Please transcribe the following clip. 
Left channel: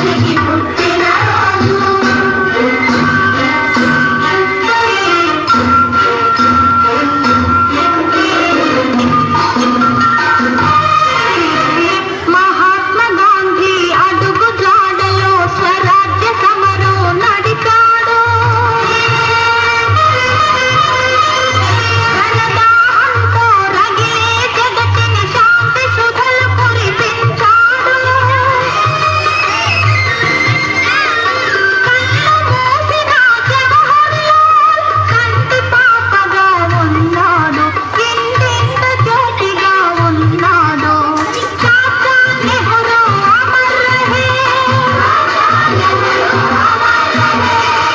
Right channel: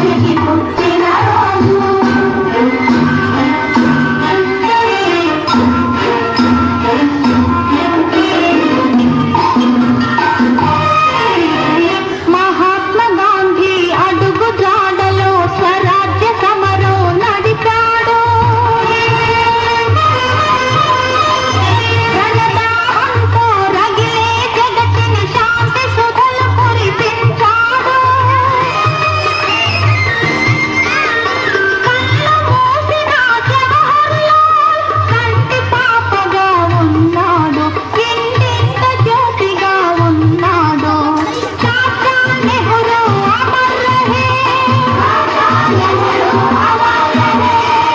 Hallelujah.